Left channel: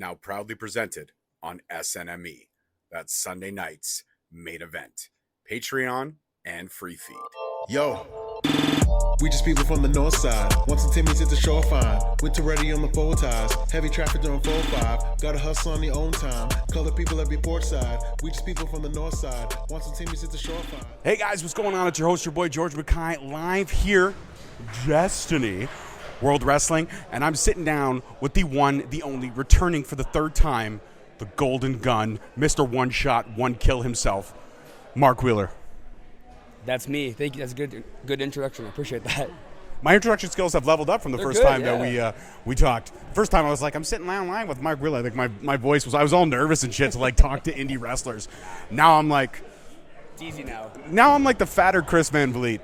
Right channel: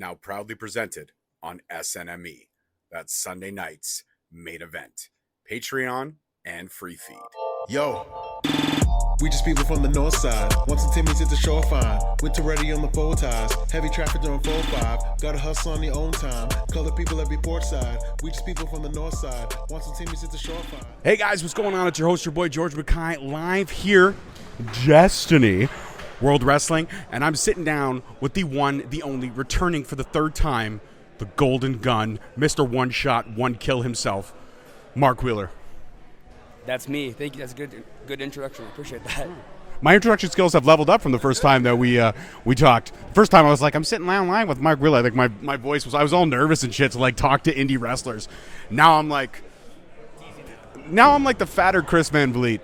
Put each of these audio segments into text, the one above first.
now proudly presented on SNME. That's Sunday night's main event. Patreon and free feed. Yo, we just people from the north side. Once the Timmy's hit the shore fine. Winter ready on the four ties. Heavy traffic during 4-5. Gotta hustle on your own time. Color people every port side. We just people from the north side. Once the Timmy's hit the shore fine. Hey guys, what's going on? It's your host, your boy George Mackay, live here, Destiny World Wrestling, and I'm sitting down with the one, the only, returning for the third time, the Golden Gun, Mr. One Shot, One Kill himself, Mark Wheeler. That's me. Thank you. That's a good introduction. I appreciate that. My introduction skills have leveled up from the They're first good, time yeah. that we talked. First time I was like, I'm sitting down live with Mark Wheeler. Like my voice was, I was all nervous and shit to like talk to indie wrestlers. Now I'm like, It's easy now. now I'm like the fatter Chris Van Vliet.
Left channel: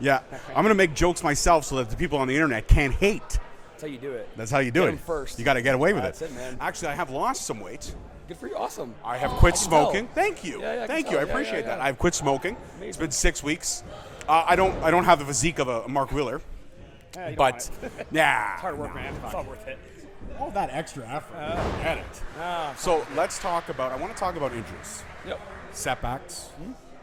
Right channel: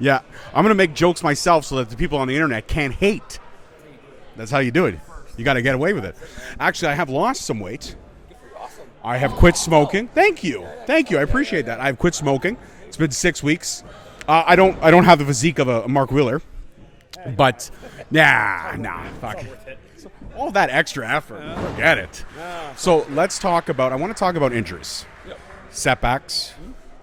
Yeah, I'm gonna make jokes myself so that the people on the internet can't hate. That's how you do it. That's how you do it. First. You got to get away with it. That's it, man. Actually, I have lost some weight. Good for you. Awesome. I have quit smoking. Thank you. Yeah, Thank you. I yeah, appreciate yeah. that. I've quit smoking. It's been 6 weeks. I don't have the physique of a Mark Wheeler, but nah. Fuck. All that extra effort. Forget it. So let's talk about. I want to talk about injuries, Yep. setbacks,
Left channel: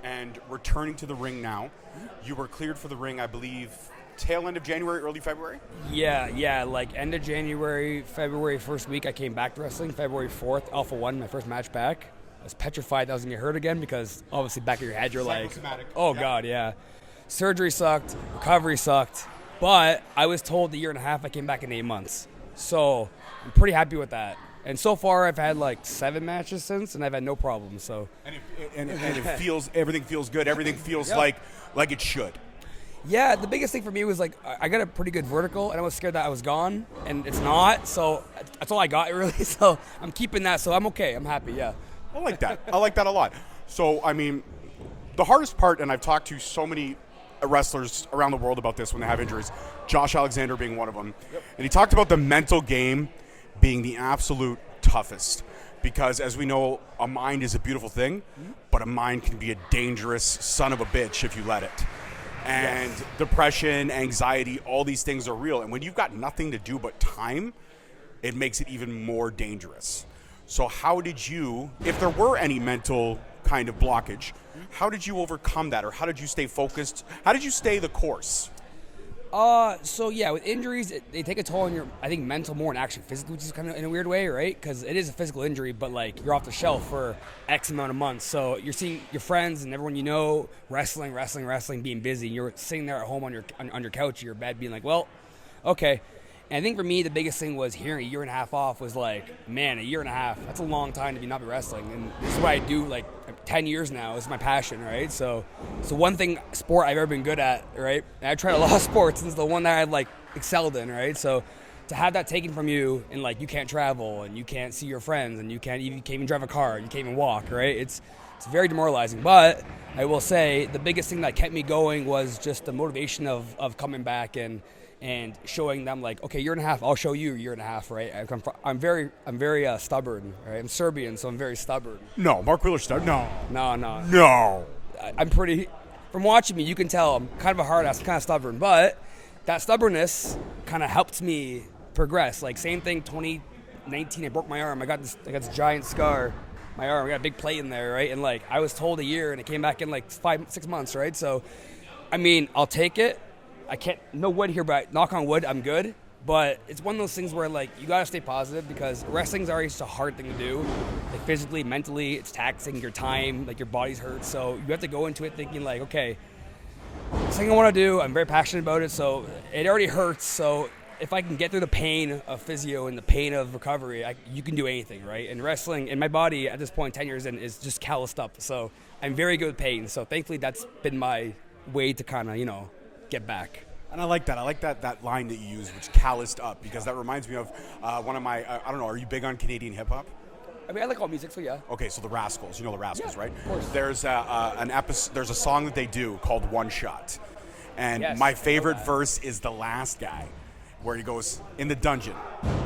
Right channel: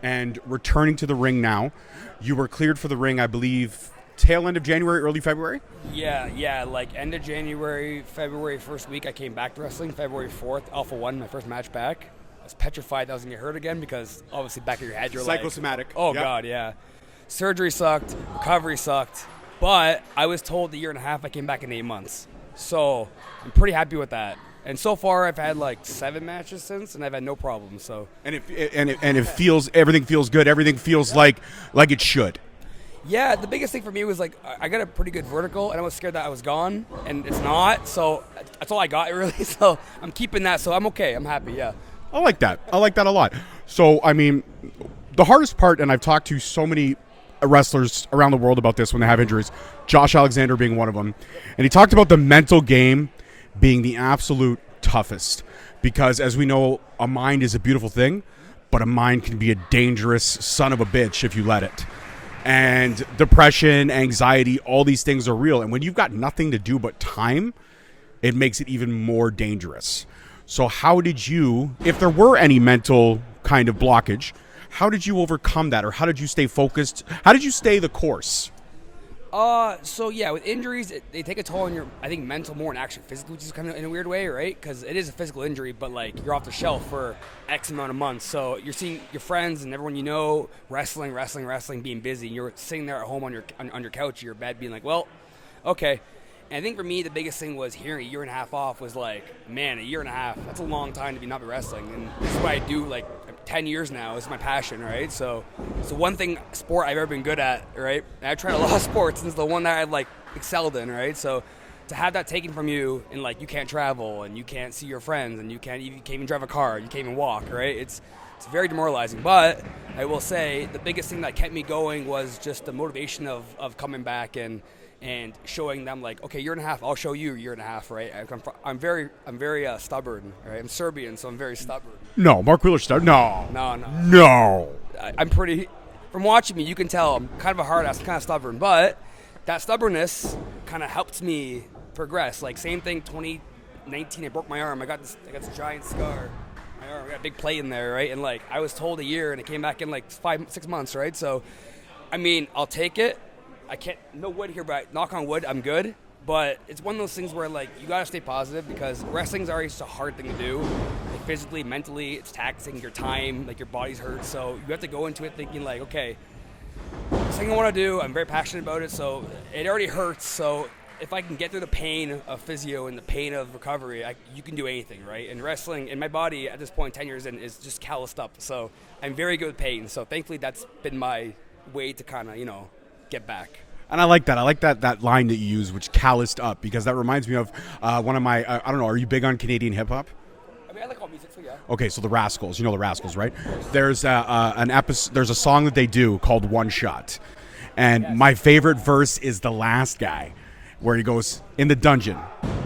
and returning to the ring now. You were cleared for the ring, I believe, tail end of January, early February. Yeah. Like end of January, February first week, I came back to wrestling. February 4th, Alpha 1, my first match back. I was petrified that I was gonna get hurt again because obviously back of your head you're like, Psychosomatic. oh Yep. god, yeah. Surgery sucked, recovery sucked, but I was told a year and a half. I came back in 8 months, so I'm pretty happy with that. And so far, I've had like 7 matches since, and I've had no problems. So And it feels, everything feels good. Everything feels like it should. yeah, the biggest thing for me was like I got a pretty good vertical, and I was scared that I was gone, and it's not. So that's all I got really. So I'm keeping that. So I'm okay. I'm happy. Yeah. I like that. I like that a lot. So, I mean, the hardest part, and I've talked to so many wrestlers around the world about this when they have injuries, Josh Alexander being one of them, and he talked about the mental game being the absolute toughest because, as we know, a mind is a beautiful thing, but a mind can be a dangerous son of a bitch if you let it. And depression, anxiety, all these things are real. And when you've got nothing to do but time, it makes it even more dangerous. So how did you, if there were any mental kind of blockage, how did you overcome that, or how did you stay focused? How did you stay the course? So yeah, with injuries, they take a toll on your, I think, mental more than actually physical, which is kind of in a weird way, right? Because it is a physical injury, but like you're off the shelf for X amount of months. So you're seeing your friends and everyone you know wrestling, being busy. You're sitting there at home on your couch, your bed, being like, well, okay. And I think for me, the biggest thing was hearing a year and a half off was like, man, a year and a half, that's a long time to not be wrestling. And this is what I do like 10 years now. It's my passion, right? So one thing sport I've ever been good at, right? And I've tried a lot of sports, and it's the one that I've like excelled in, right? So to have that taken from you and like you can't travel and you can't see your friends and you can't even drive a car, you can't even walk, right? It's very demoralizing. But I will say the biggest thing that kept me going was just the motivation of coming back and showing them like, okay, year and a half, I'll show you a year and a half, right? I'm very stubborn, right? I'm Serbian, so I'm very stubborn. No, Mark Wheeler started. No. No. I'm pretty, from watching me, you can tell I'm kind of a hard ass, kind of stubborn, but that stubbornness kind of helped me progress. Like same thing, 2019, I broke my arm. I got this giant scar, my arm. I got a big plate in there, right? And like I was told a year, and it came back in like 5-6 months, right? So, I mean, I'll take it. I can't, no wood here, but knock on wood, I'm good. But it's one of those things where, like, you got to stay positive because wrestling's already just a hard thing to do. Like, physically, mentally, it's taxing your time, like, your body's hurt. So you have to go into it thinking, like, okay, this thing I want to do, I'm very passionate about it, so it already hurts. So if I can get through the pain of physio and the pain of recovery, you can do anything, right? And wrestling, and my body at this point, 10 years in, is just calloused up. So I'm very good with pain. So thankfully, that's been my way to kind of, get back. And I like that. I like that line that you use, which calloused up, because that reminds me of one of my, I don't know, are you big on Canadian hip-hop? I mean, I like all music, so yeah. Okay, so the Rascals. You know the Rascals, right? There's there's a song that they do called One Shot. And Yes. my favorite verse is the last guy, where he goes, in the dungeon,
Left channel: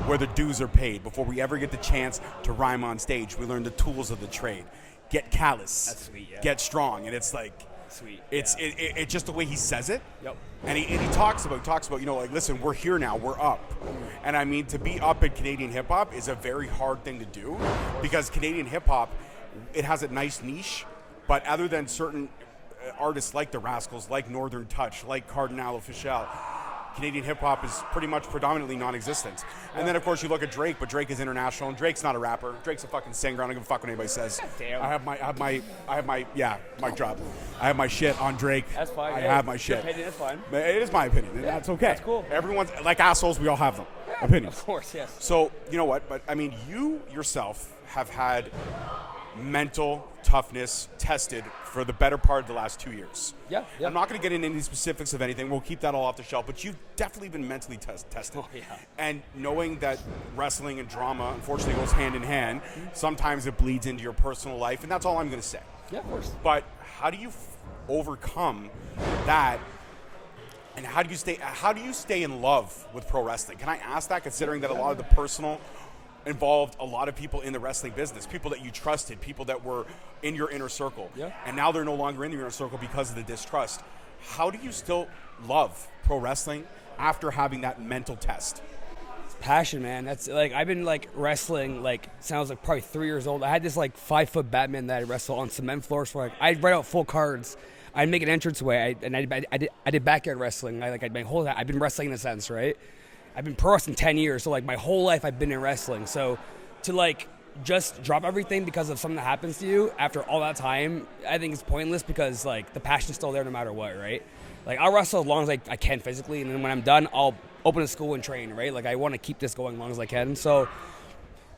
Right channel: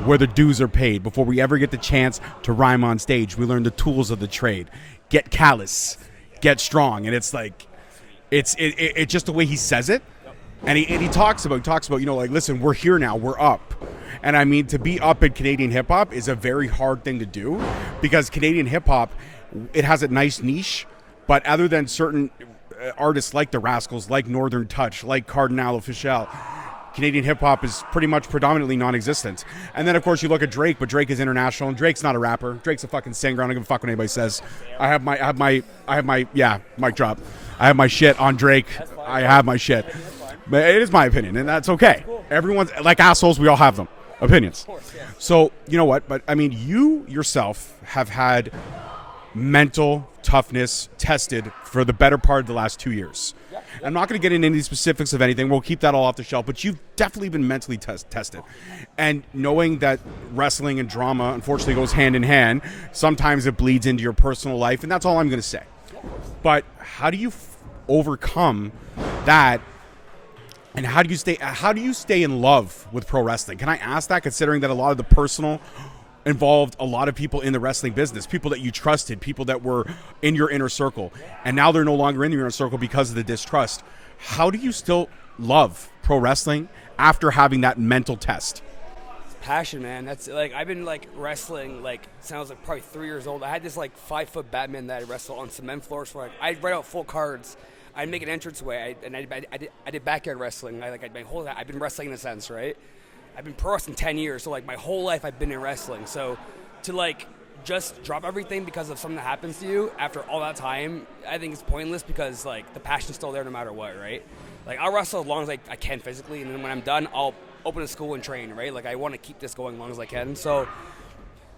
where the dues are paid. Before we ever get the chance to rhyme on stage, we learn the tools of the trade. Get callous, get strong. And it's like, it's just the way he says it. Yep. And he talks about like, listen, we're here now, we're up. And I mean, to be up in Canadian hip hop is a very hard thing to do, because Canadian hip hop, it has a nice niche, but other than certain artists like the Rascals, like Northern Touch, like Cardinal Official, Canadian hip hop is pretty much predominantly non-existent. And then of course you look at Drake, but Drake is international, and Drake's not a rapper. Drake's a fucking singer. I don't give a fuck what anybody says. I have my mic drop. I have my shit on Drake. That's fine. I have my shit. Hey, that's fine. But it is my opinion, and that's okay. That's cool. Everyone's like assholes. We all have them. Opinions. Of course, yeah. So you know what? But I mean, you yourself have had mental toughness tested for the better part of the last 2 years. Yeah. I'm not going to get into any specifics of anything. We'll keep that all off the shelf. But you've definitely been mentally tested. And knowing that wrestling and drama, unfortunately, goes hand in hand, sometimes it bleeds into your personal life. And that's all I'm going to say. Yeah, of course. But how do you overcome that? And how do you stay in love with pro wrestling? Can I ask that, considering that a lot of the personal involved a lot of people in the wrestling business, people that you trusted, people that were in your inner circle, and now they're no longer in your inner circle because of the distrust. How do you still love pro wrestling after having that mental test? It's passion, man. That's like, I've been like wrestling like since I was like probably 3 years old. I had this like 5-foot Batman that I wrestled on cement floors for, like, I'd write out full cards. I'd make an entrance way. I did backyard wrestling. I've been wrestling in a sense, right? I've been pro wrestling 10 years, so like my whole life I've been in wrestling. So to like just drop everything because of something that happens to you after all that time, I think it's pointless, because like the passion's still there no matter what, right? Like I'll wrestle as long as I can physically, and then when I'm done, I'll open a school and train, right? Like I want to keep this going as long as I can. So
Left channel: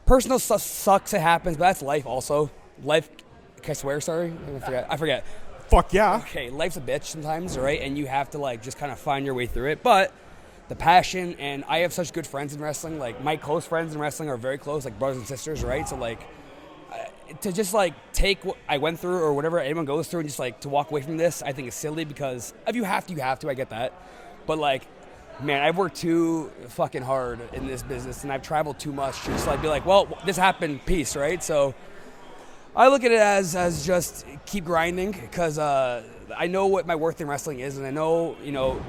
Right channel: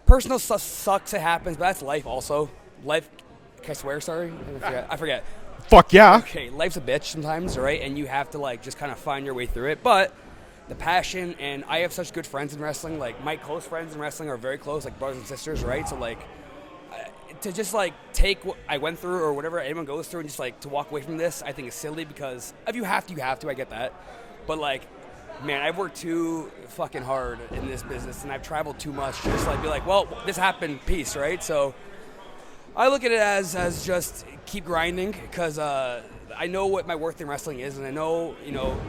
personal stuff sucks, it happens, but that's life also. Life, can I swear, sorry? I forget. Fuck yeah. Okay, life's a bitch sometimes, right? And you have to like just kind of find your way through it. But the passion, and I have such good friends in wrestling. Like my close friends in wrestling are very close, like brothers and sisters, right? So like to just like take what I went through or whatever anyone goes through and just like to walk away from this, I think is silly, because if you have to, you have to. I get that, but like, man, I've worked too fucking hard in this business, and I've traveled too much to just like be like, well, this happened, peace, right? So I look at it as just keep grinding, because I know what my worth in wrestling is, and I know,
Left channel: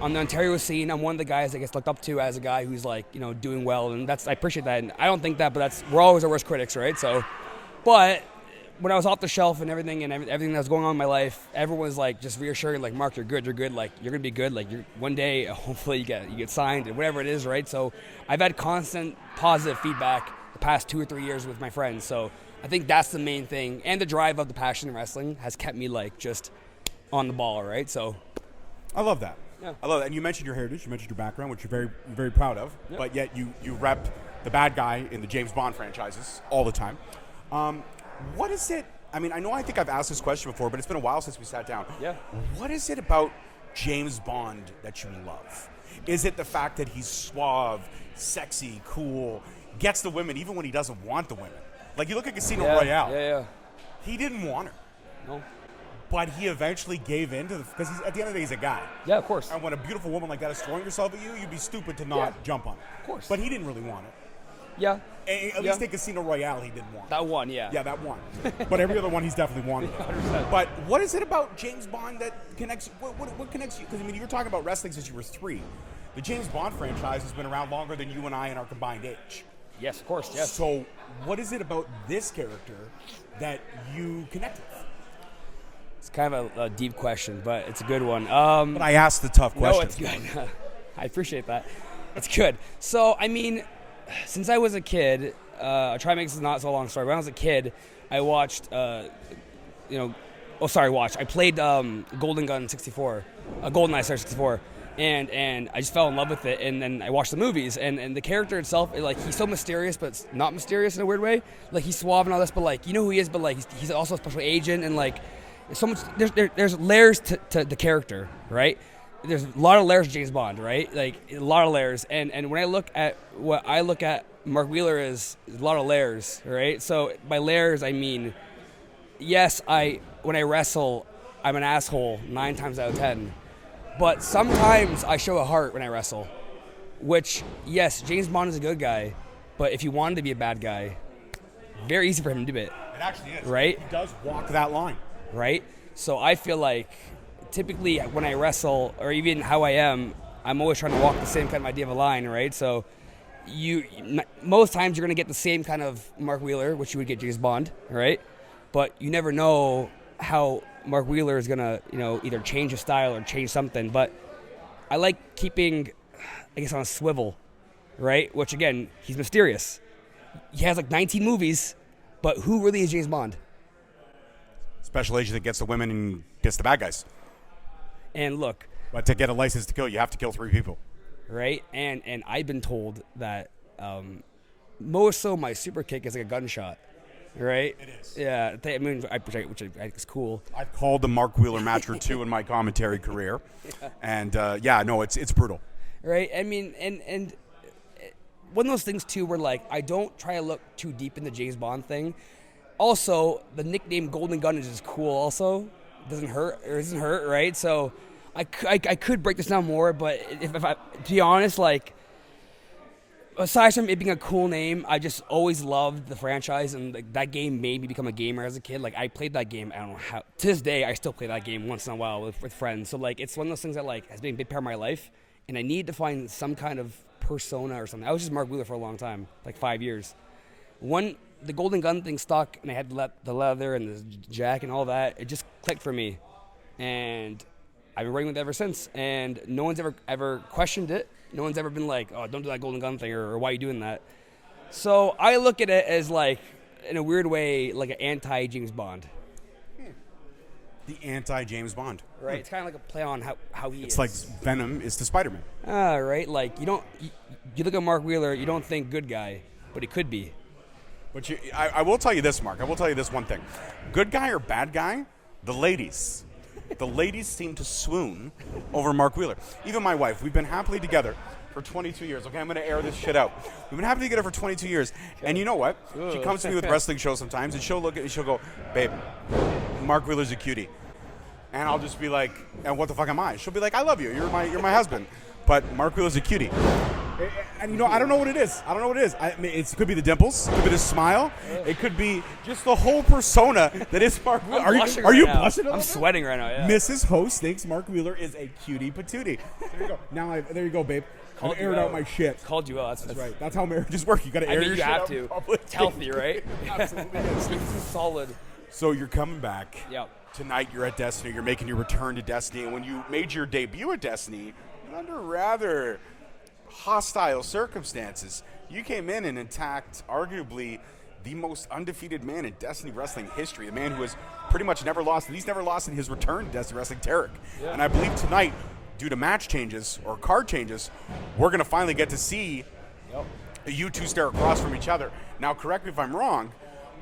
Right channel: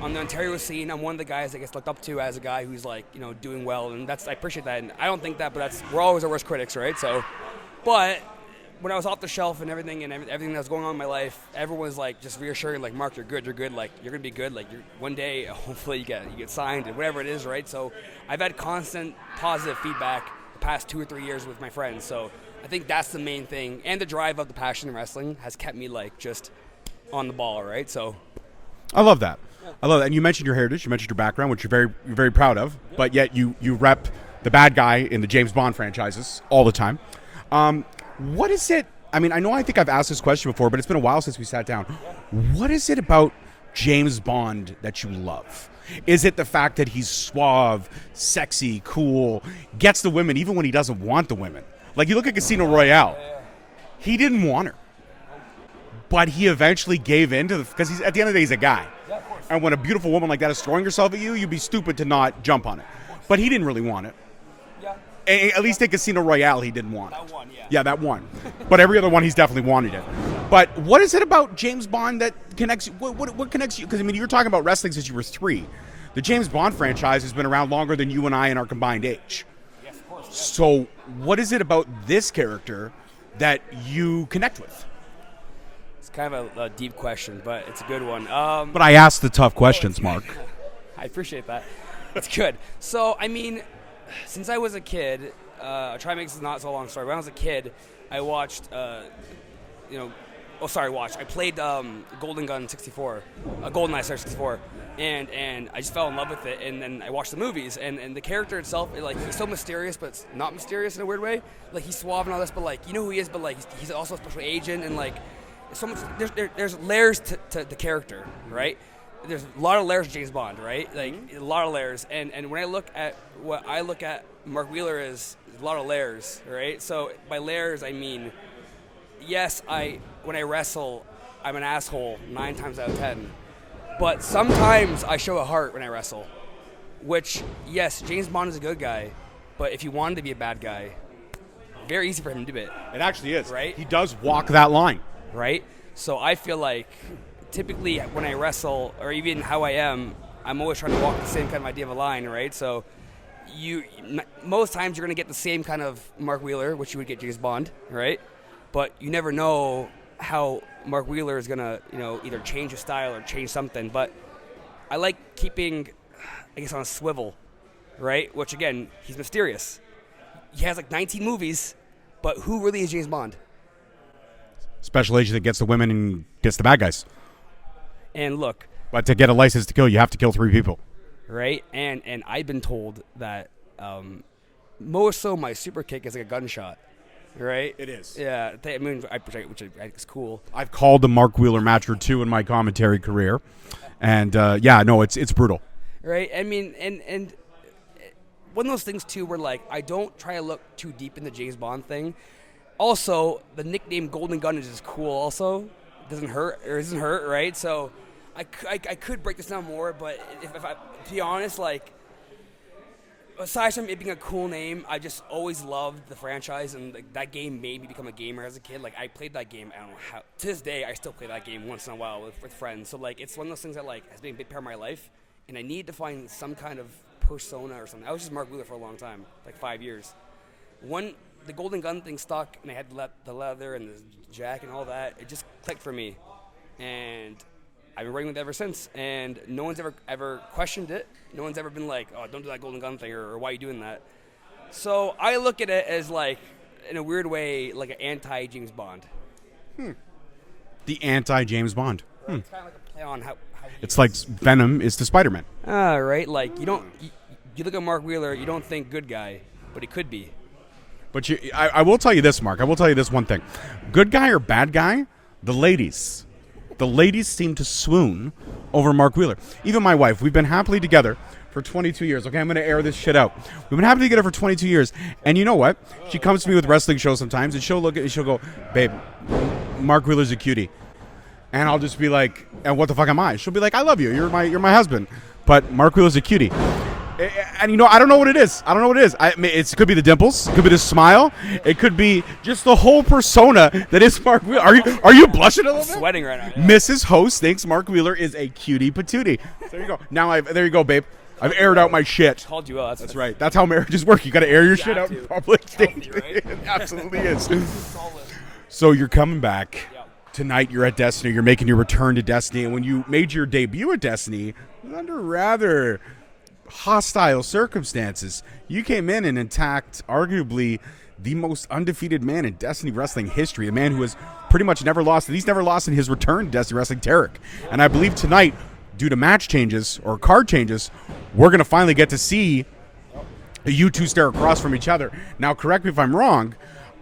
on the Ontario scene, I'm one of the guys that gets looked up to as a guy who's like, doing well, and I appreciate that, and I don't think that, but we're always our worst critics, right? So, but when I was off the shelf and everything that was going on in my life, everyone was like just reassuring, like, Mark, you're good, like you're gonna be good, like one day hopefully you get signed and whatever it is, right? So I've had constant positive feedback the past 2 or 3 years with my friends, so I think that's the main thing, and the drive of the passion in wrestling has kept me like just on the ball, right? So I love that. Yeah. I love that. And you mentioned your heritage, you mentioned your background, which you're very proud of, but yet you rep the bad guy in the James Bond franchises all the time. What is it? I mean, I think I've asked this question before, but it's been a while since we sat down. Yeah. What is it about James Bond that you love? Is it the fact that he's suave, sexy, cool, gets the women even when he doesn't want the women? Like, you look at Casino Royale. Yeah. He didn't want her. No. But he eventually gave in to because he's at the end of the day, he's a guy. Yeah, of course. And when a beautiful woman like that is throwing herself at you, you'd be stupid to not jump on it. But he didn't really want it. Yeah. At least in Casino Royale, he didn't want it. That one, yeah. Yeah, that one. But every other one, he's definitely wanted it. But what is it about James Bond that connects you? What connects you? Because, I mean, you're talking about wrestling since you were 3. The James Bond franchise has been around longer than you and I in our combined age. Yes, of course. Yes. So what is it about this character that you connect with? It's kind of a deep question, but it's a good one. But I asked the tough questions, Mark. I appreciate that. It's good. So, I mean, since I was a kid, I'll try to make this not so long story. When I was a kid, I watched, I played Golden Gun 64, GoldenEye 64. And I just fell in love with it, and then I watched the movies, and the character itself, like, he's so mysterious, but it's not mysterious in a weird way. Like, he's suave and all this, but like, you know who he is, but like, he's also a special agent, and like, so much. There's layers to the character, right? There's a lot of layers to James Bond, right? Like, a lot of layers, and when I look at what I look at Mark Wheeler is a lot of layers, right? So by layers, I mean, yes, when I wrestle, I'm an asshole 9 times out of 10. But sometimes I show a heart when I wrestle, which, yes, James Bond is a good guy, but if you wanted to be a bad guy, very easy for him to do it. It actually is. Right? He does walk that line. Right? So I feel like typically when I wrestle, or even how I am, I'm always trying to walk the same kind of idea of a line, right? So most times you're going to get the same kind of Mark Wheeler, which you would get James Bond, right? But you never know how Mark Wheeler is going to, either change his style or change something. But I like keeping, I guess, on a swivel, right? Which, again, he's mysterious. He has like 19 movies, but who really is James Bond? Special agent that gets the women and gets the bad guys. And look. But to get a license to kill, you have to kill 3 people. Right? And I've been told that more so my super kick is like a gunshot. Right? It is. Yeah. I mean, which I think is cool. I've called the Mark Wheeler match or 2 in my commentary career. And, it's brutal. Right? I mean, and one of those things, too, where, like, I don't try to look too deep in the James Bond thing. Also, the nickname Golden Gun is just cool also. It doesn't hurt, right? So I could break this down more, but if I, to be honest, like, aside from it being a cool name, I just always loved the franchise, and like, that game made me become a gamer as a kid. Like, I played that game, I don't know how, to this day, I still play that game once in a while with friends. So, like, it's one of those things that, like, has been a big part of my life, and I need to find some kind of persona or something. I was just Mark Wheeler for a long time, like 5 years. The Golden Gun thing stuck, and I had the leather and the jack and all that. It just clicked for me, and I've been running with it ever since. And no one's ever questioned it. No one's ever been like, "Oh, don't do that Golden Gun thing," or "Why are you doing that?" So I look at it as, like, in a weird way, like an anti-James Bond. The anti-James Bond. Right. It's kind of like a play on how he It's is. like Venom is to Spider-Man. Right. Like, you look at Mark Wheeler, you don't think good guy, but he could be. But I will tell you this, Mark. I will tell you this one thing. Good guy or bad guy, the ladies seem to swoon over Mark Wheeler. Even my wife, we've been happily together for 22 years. Okay, I'm going to air this shit out. We've been happily together for 22 years. And you know what? She comes to me with wrestling shows sometimes, and she'll look at it and she'll go, "Babe, Mark Wheeler's a cutie." And I'll just be like, "And what the fuck am I?" She'll be like, "I love you. You're my husband. But Mark Wheeler's a cutie." And I don't know what it is. I mean, it could be the dimples. It could be the smile. It could be just the whole persona that is Mark Wheeler. Are you blushing a little I'm bit? sweating right now. Yeah. Mrs. Host thinks Mark Wheeler is a cutie patootie. There you go. There you go, babe. I've aired out my shit. Called you out. That's right. That's how marriages work. You got to air your shit have out to. in public. It's healthy, right? It absolutely is. Solid. So you're coming back. Yeah. Tonight you're at Destiny. You're making your return to Destiny. And when you made your debut at Destiny, it was under rather hostile circumstances. You came in and attacked arguably the most undefeated man in Destiny Wrestling history, a man who has pretty much never lost. He's never lost in his return to Destiny Wrestling, Tarek. Yeah. And I believe tonight, due to match changes or card changes, we're going to finally get to see you two stare across from each other. Now, correct me if I'm wrong,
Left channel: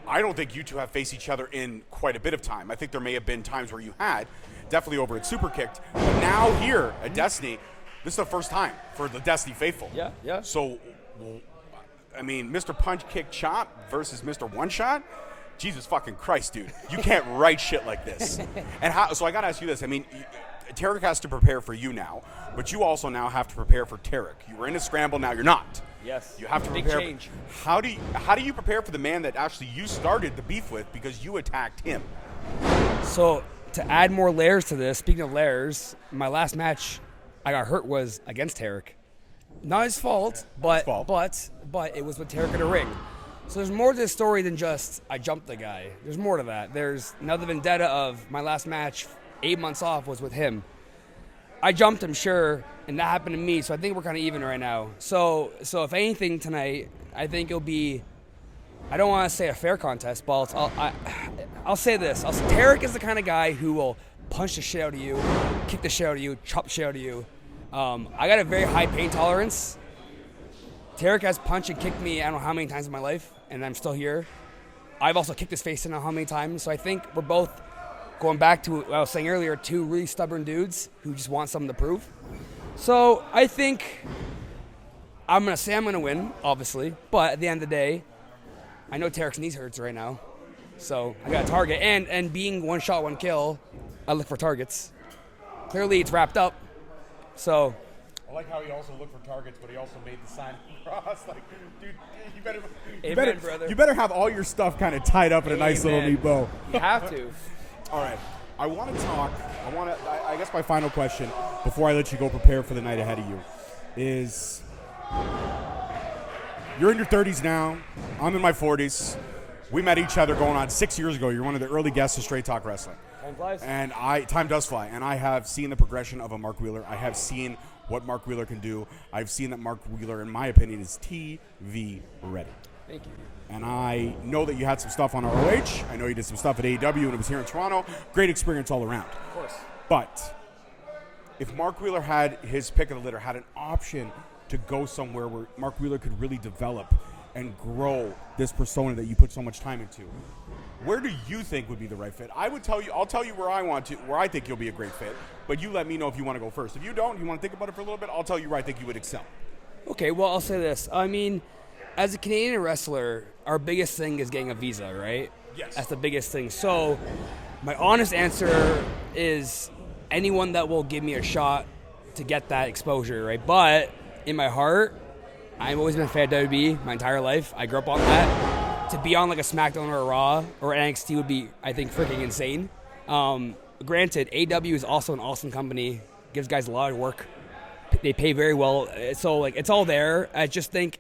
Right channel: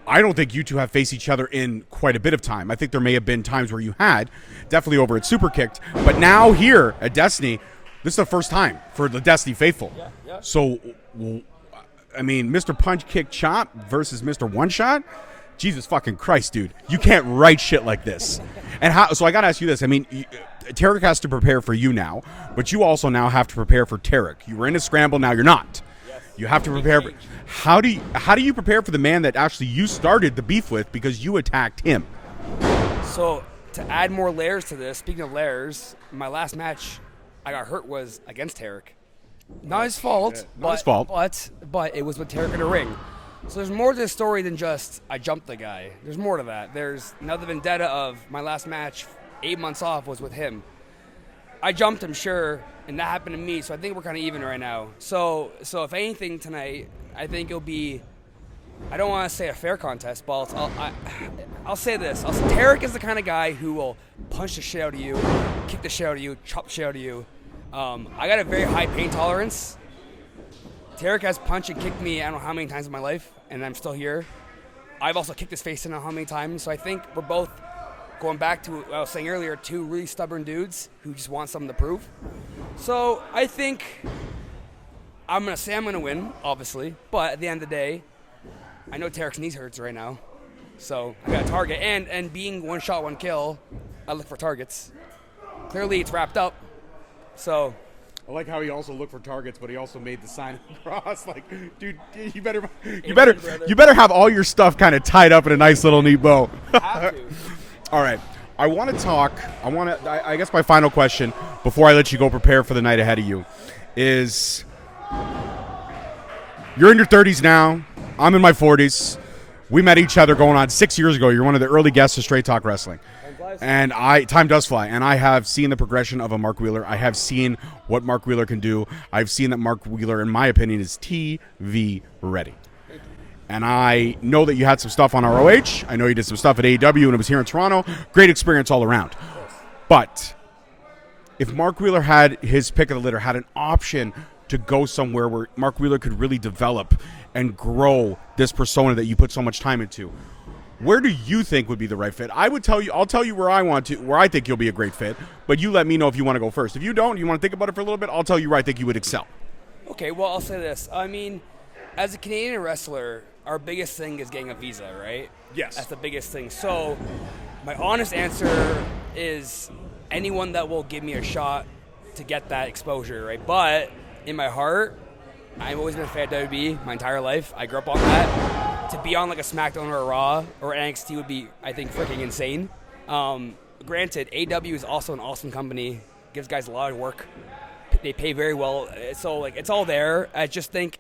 I don't think you two have faced each other in quite a bit of time. I think there may have been times where you had, definitely over at Superkicked, but now here at Destiny, this is the first time for the Destiny faithful. Yeah. So, I mean, Mr. Punch Kick Chop versus Mr. One Shot? Jesus fucking Christ, dude. You can't write shit like this. So I got to ask you this. I mean, Tarek has to prepare for you now, but you also now have to prepare for Tarek. You were in a scramble, now you're not. Yes. You have to prepare. How do you prepare for the man that actually you started the beef with because you attacked him? So to add more layers to this, speaking of layers, my last match I got hurt was against Tarek. Not his fault, but it was with Tarek in a ring. So there's more to this story than just I jumped the guy. There's more to that. There's another vendetta of my last match, 8 months off, was with him. I jumped him, sure, and that happened to me, so I think we're kind of even right now. So if anything tonight, I think it'll be, I don't want to say a fair contest, but I'll say this. Tarek is the kind of guy who will punch the shit out of you, kick the shit out of you, chop the shit out of you. I got a very high pain tolerance. Tarek has punched and kicked me I don't know how many times in my life, and I'm still here. I've also kicked his face in I don't know how many times, so I think we're both, going back to what I was saying earlier, two really stubborn dudes who just want something to prove. So I think I'm going to win, obviously, but at the end of the day, I know Tarek's knees hurts right now, so I got a target. And being one shot, one kill, I look for targets. Clearly, it's wrapped up, so... I like how he also looked for targets, but he also made the sign of the cross. Like, dude, you better have all your stuff kind of tied up in a nice little neat bow. You have to. All right. I want to talk. I guess my final question before I let you go prepare for the night ahead of you is: you're in your 30s now. I'm in my 40s. We met each other going on 6 years ago. You're one of the early guests of Straight Talk Wrestling. And time does fly. And I have seen the progression of a Mark Wheeler. I have seen what Mark Wheeler can do. I've seen that Mark Wheeler, in my opinion, is TV ready. Thank you. And I know that you had some stuff on ROH. I know you did some stuff at AEW and it was here in Toronto. Great experience all around. But if Mark Wheeler had his pick of the litter, had an option to go somewhere where Mark Wheeler could really develop and grow this persona that you put so much time into, where do you think would be the right fit? I'll tell you where I think you'll be a great fit, but you let me know if you want to go first. If you don't, you want to think about it for a little bit, I'll tell you where I think you would excel. Okay, well, I'll say this. I mean, as a Canadian wrestler, our biggest thing is getting a visa, right? Yes. That's the biggest thing. So my honest answer is anyone that will give me a shot to get that exposure, right? But in my heart, I've always been a fan of WWE my entire life. I grew up on that. To be on like a SmackDown or a Raw or NXT would be, I think, freaking insane. Granted, AW is also an awesome company. Gives guys a lot of work. They pay very well. So like it's all there. I just think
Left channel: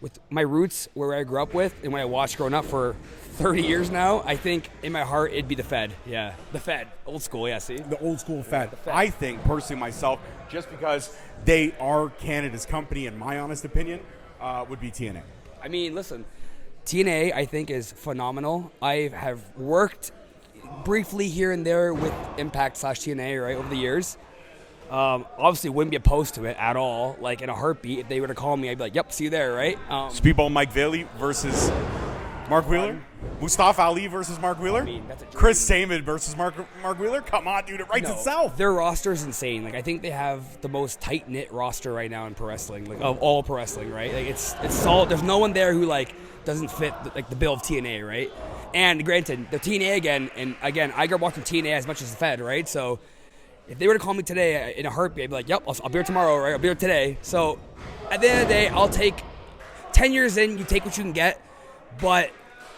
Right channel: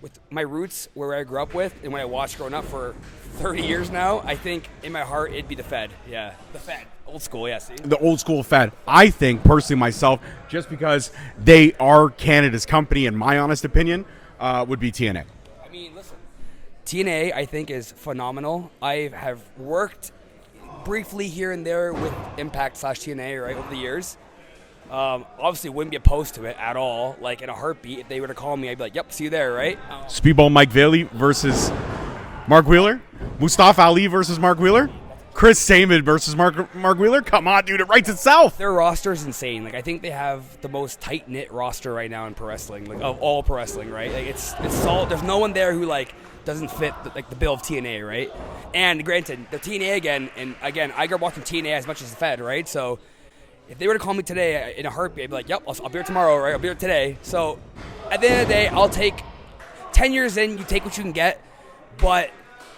with my roots, where I grew up with, and when I watched growing up for 30 years now, I think in my heart it'd be the Fed. Yeah, the Fed. Old school, yeah, see? The old school Fed. I think, personally myself, just because they are Canada's company, in my honest opinion, would be TNA. I mean, listen, TNA I think is phenomenal. I have worked briefly here and there with Impact / TNA, right, over the years. Obviously wouldn't be opposed to it at all. Like in a heartbeat, if they were to call me, I'd be like, yep, see you there, right? Speedball Mike Bailey versus Mark Wheeler. Mustafa Ali versus Mark Wheeler. Chris Samon versus Mark Wheeler. Come on, dude, it writes itself. Their roster is insane. Like I think they have the most tight knit roster right now in pro wrestling, like of all pro wrestling, right? Like it's solid. There's no one there who like doesn't fit the bill of TNA, right? And granted, the TNA again, I grew up watching TNA as much as the Fed, right? So if they were to call me today in a heartbeat, I'd be like, yep, I'll be here tomorrow, right? I'll be here today. So at the end of the day, I'll take 10 years in, you take what you can get. But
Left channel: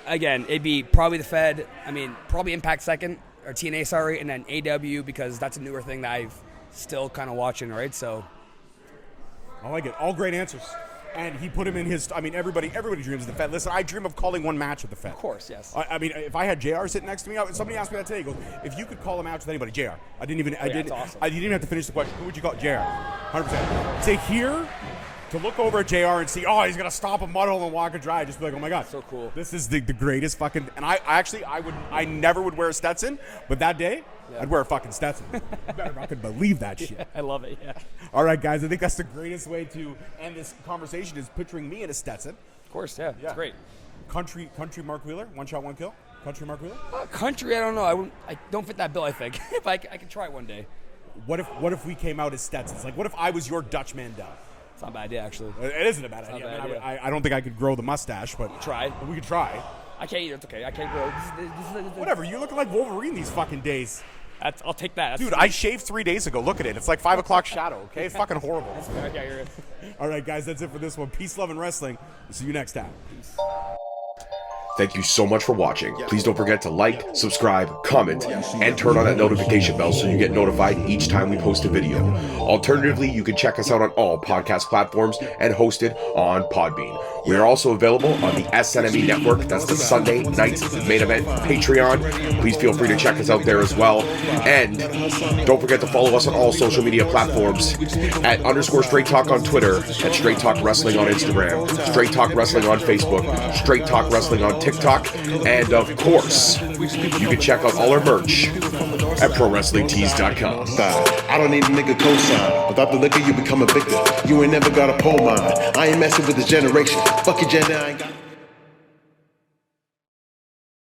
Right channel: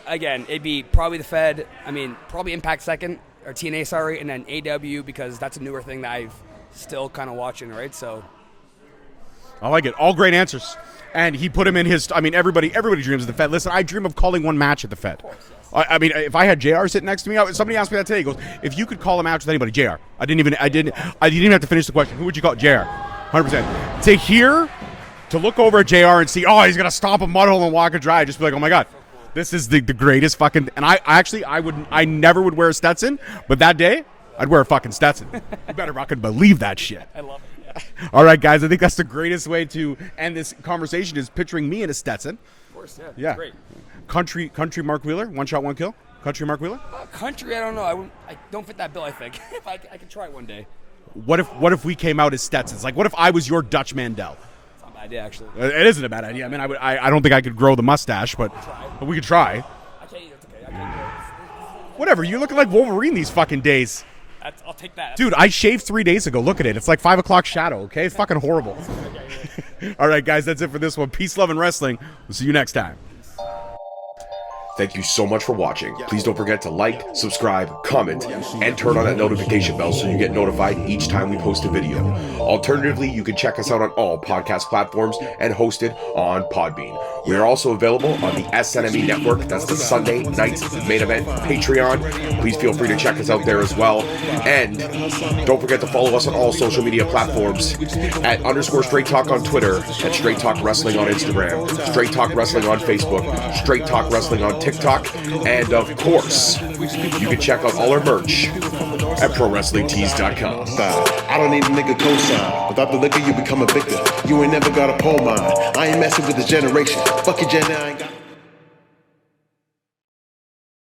again, it'd be probably the Fed. I mean, probably Impact second, or TNA, sorry, and then AW because that's a newer thing that I've still kind of watching, right? So I like it. All great answers. And he put him in his. I mean, everybody dreams of the Fed. Listen, I dream of calling one match at the Fed. Of course, yes. I mean, if I had JR sitting next to me, somebody asked me that today. He goes, "If you could call a match with anybody, JR." I didn't even have to finish the question. Who would you call? JR. 100%. To look over at JR and see, oh, he's gonna stop a mud hole and walk a dry. Just be like, oh my god, so cool. This is the greatest fucking. And I never would wear a Stetson, but that day, I'd wear a fucking Stetson. You better fucking believe that shit. Yeah, I love it, yeah. All right, guys, I think that's the greatest way to end this conversation is picturing me in a Stetson. Of course, yeah. Yeah. Great. Country Mark Wheeler, one shot, one kill. Country Mark Wheeler? Country, I don't know. I don't fit that bill, I think. If I can try it one day. What if we came out as Stetsons? Like, what if I was your Dutch Mandel? It's not a bad idea, actually. It isn't a bad idea. I don't think I could grow the mustache, but we could try. I can't either. It's okay. I can't grow. Whatever. You're looking like Wolverine these fucking days. I'll take that. Dude, I shaved 3 days ago. Look at it. It's like 5 o'clock shadow, okay? It's fucking horrible. Okay, all right, guys, that's it for this one. Peace, love, and wrestling. We'll see you next time. Thank you so much for watching. Please don't forget to like, subscribe, comment, and turn on that notification bell so you get notified each time we post a video. Alternatively, you can check us out on all podcast platforms and hosted on Podbean. We are also available on the SNME network. That's the Sunday Nights Main Event Patreon. Please feel free to check us out there as well. And don't forget to follow us on all social media platforms at _Straight Talk on Twitter, at Straight Talk Wrestling on Instagram, Straight Talk Wrestling on Facebook, Straight Talk Wrestling on TikTok, and of course, you can check out all our merch at ProWrestlingTees.com. I don't need a nigga cosign. Without the liquor, you become a victim. You ain't never got a pole mine. I ain't messing with this generation. Fuck your gender, I ain't got